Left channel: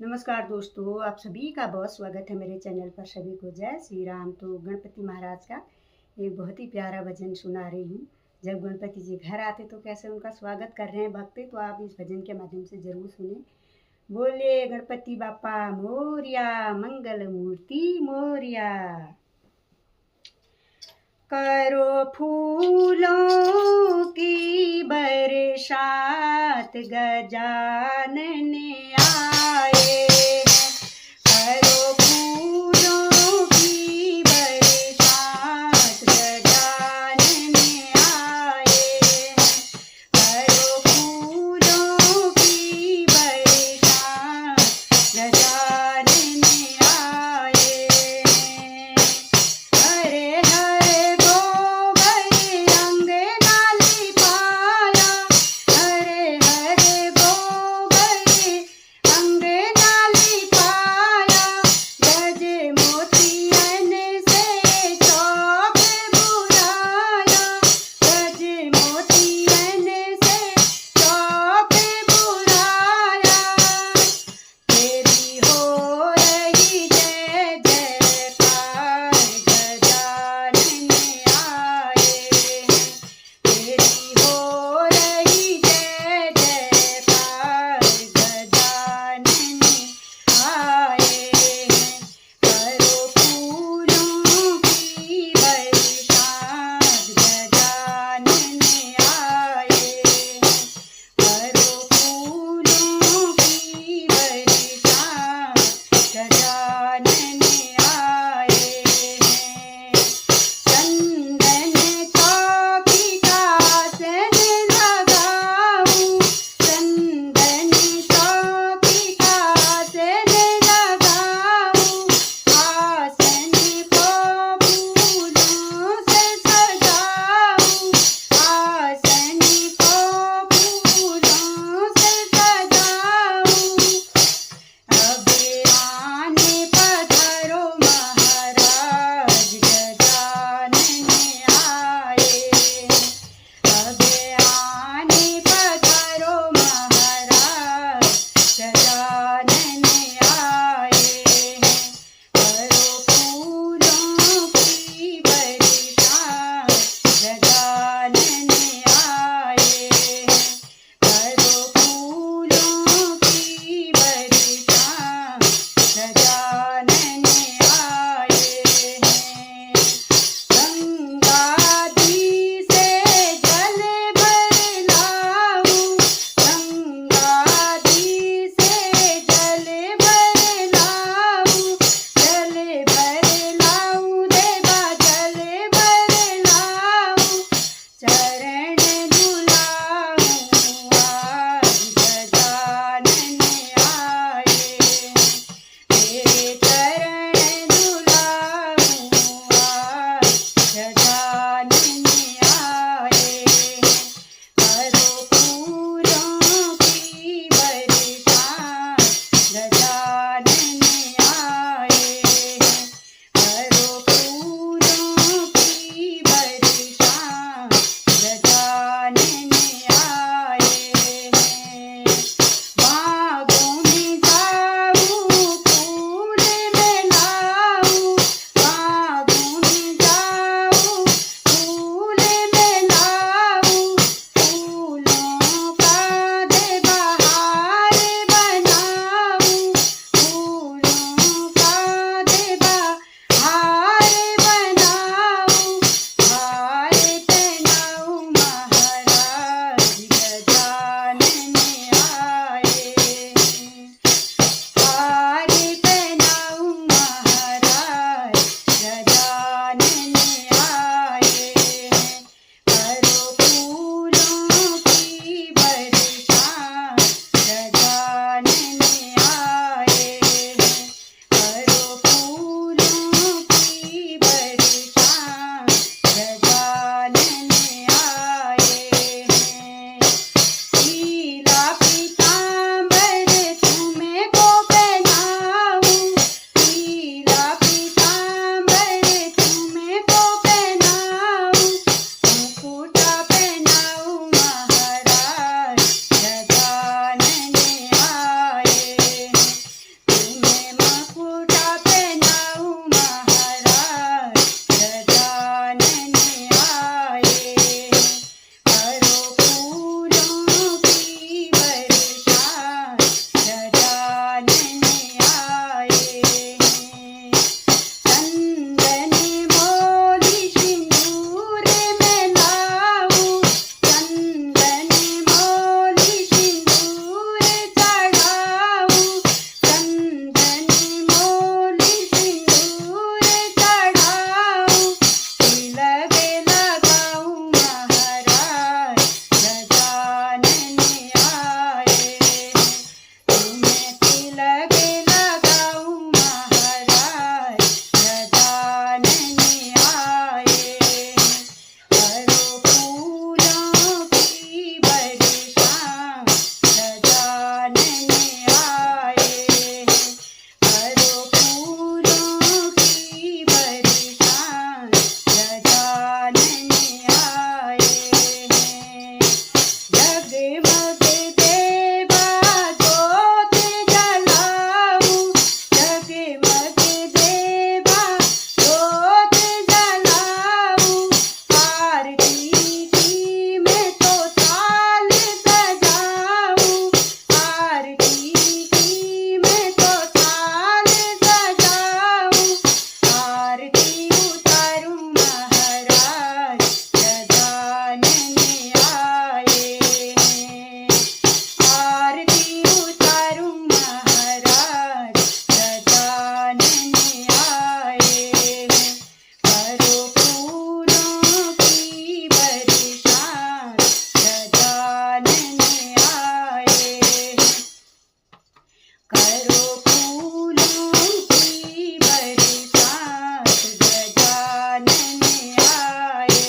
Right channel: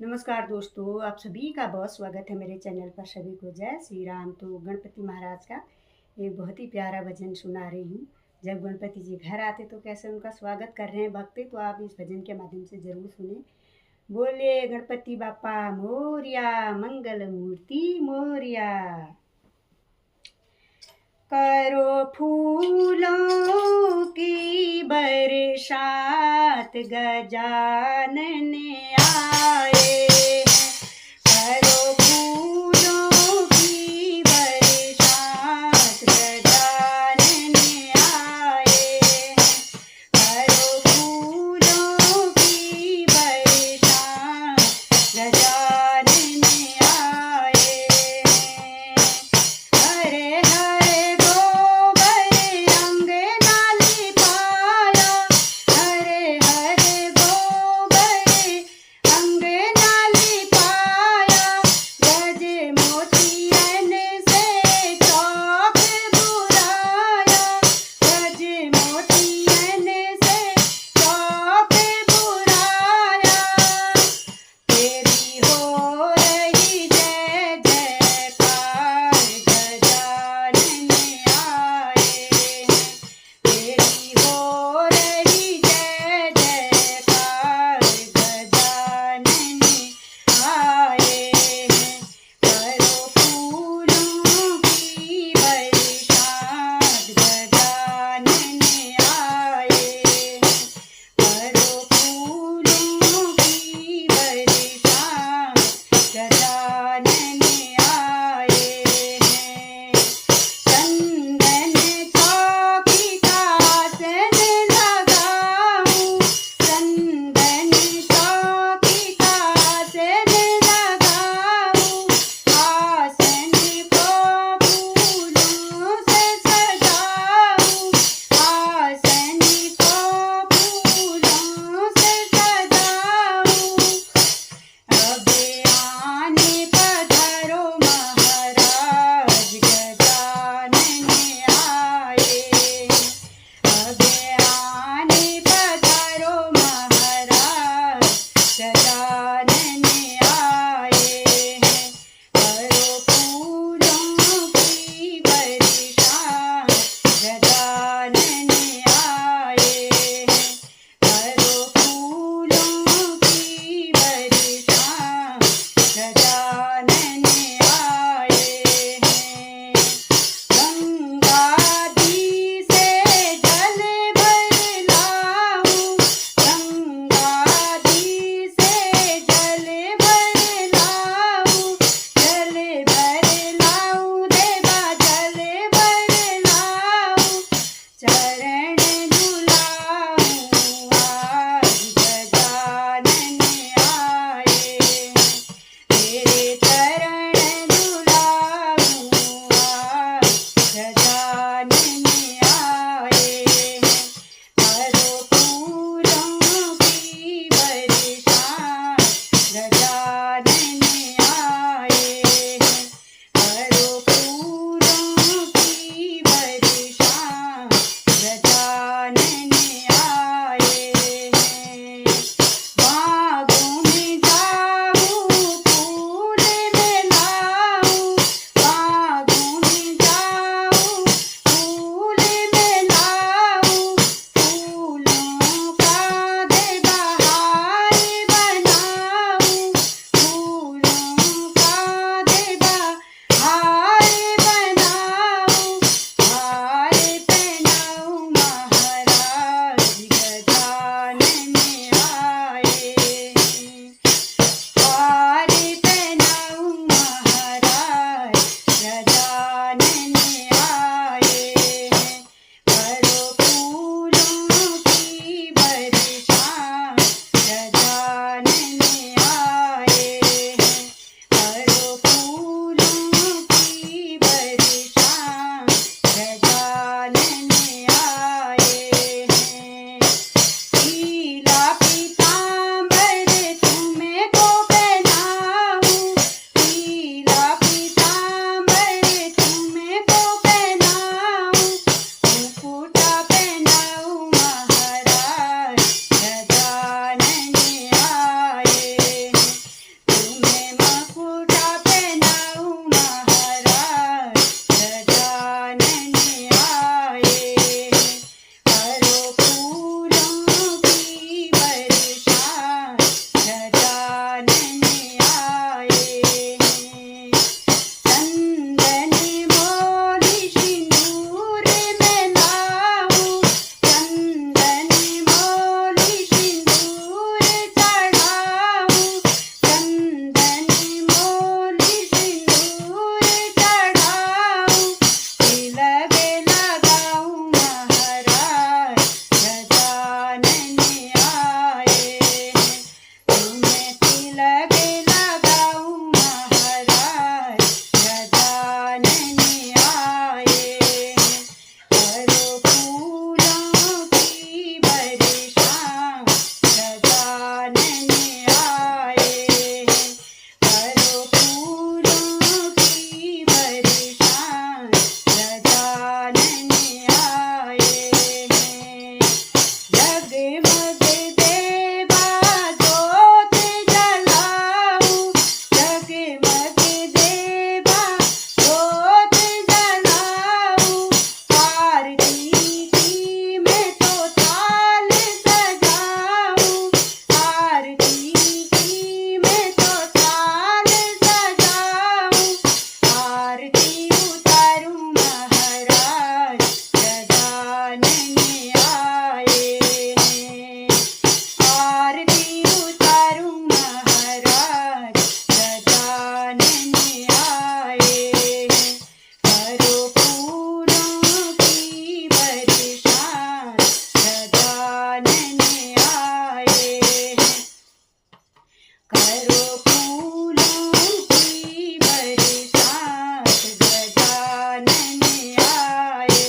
नमस्कार दोस्तों, आप सभी का बहुत स्वागत है मेरे चैनल पर। सभी को जय श्री राम। तो गणपति महाराज का एक बहुत ही प्यारा भजन सुना रही हूँ। जब गणपति जी घर आते तो कैसे उनका स्वागत कर रहे हैं भक्त, तो आप इस भजन के माध्यम से ज़रूर सुने। बोले गणपति बापा मोरिया, मंगल मूर्ति मोरिया। करो फूलों की बरसात, गजानन आए हैं। करो फूलों की बरसात, गजानन आए हैं। करो फूलों की बरसात, गजानन आए हैं। हरे हरे गोबर अंगना लिपाया, हरे हरे गोबर अंगना लिपाया। गज मोतियन से चौक बुराया, गज मोतियन से चौक बुराया। तेरी हो रही जय जयकार, गजानन आए हैं। तेरी हो रही जय जयकार, गजानन आए हैं। करो फूलों की बरसात, गजानन आए हैं। करो फूलों की बरसात, गजानन आए हैं। चंदन चौकी का आसन लगाऊं, चंदन चौकी का आसन लगाऊं। आसन को फूलों से सजाऊं, आसन को फूलों से सजाऊं। अब आने पधारो महाराज, गजानन आए हैं। अब आने पधारो महाराज, गजानन आए हैं। करो फूलों की बरसात, गजानन आए हैं। करो फूलों की बरसात, गजानन आए हैं। गंगा जी से जल भर लाऊं, गंगा जी से करो फूलों की बरसात, गजानन आए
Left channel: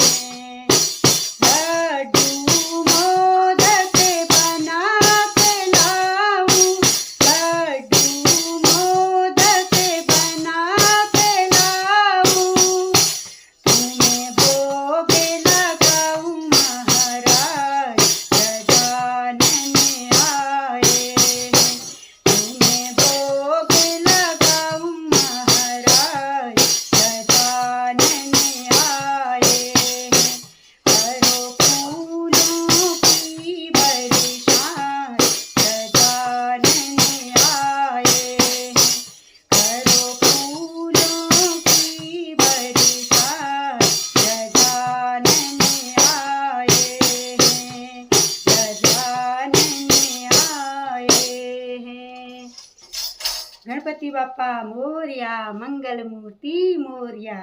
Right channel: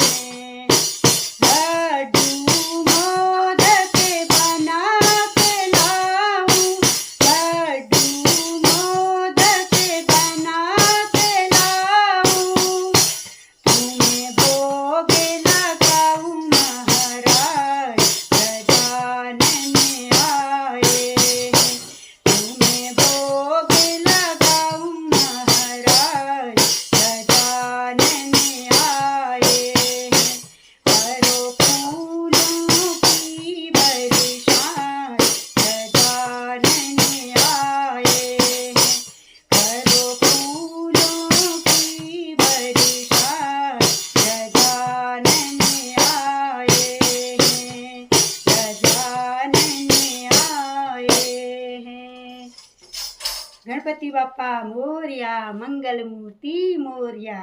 हैं। लड्डू मोदक बना के लाऊं, लड्डू मोदक बना के लाऊं, तुम्हें भोग लगाऊं महाराज, गजानन आए हैं। तुम्हें भोग लगाऊं महाराज, गजानन आए हैं। करो फूलों की बरसात, गजानन आए हैं। करो फूलों की बरसात, गजानन आए हैं, गजानन आए हैं। गणपति बाप्पा मोरया, मंगल मूर्ति मोरया।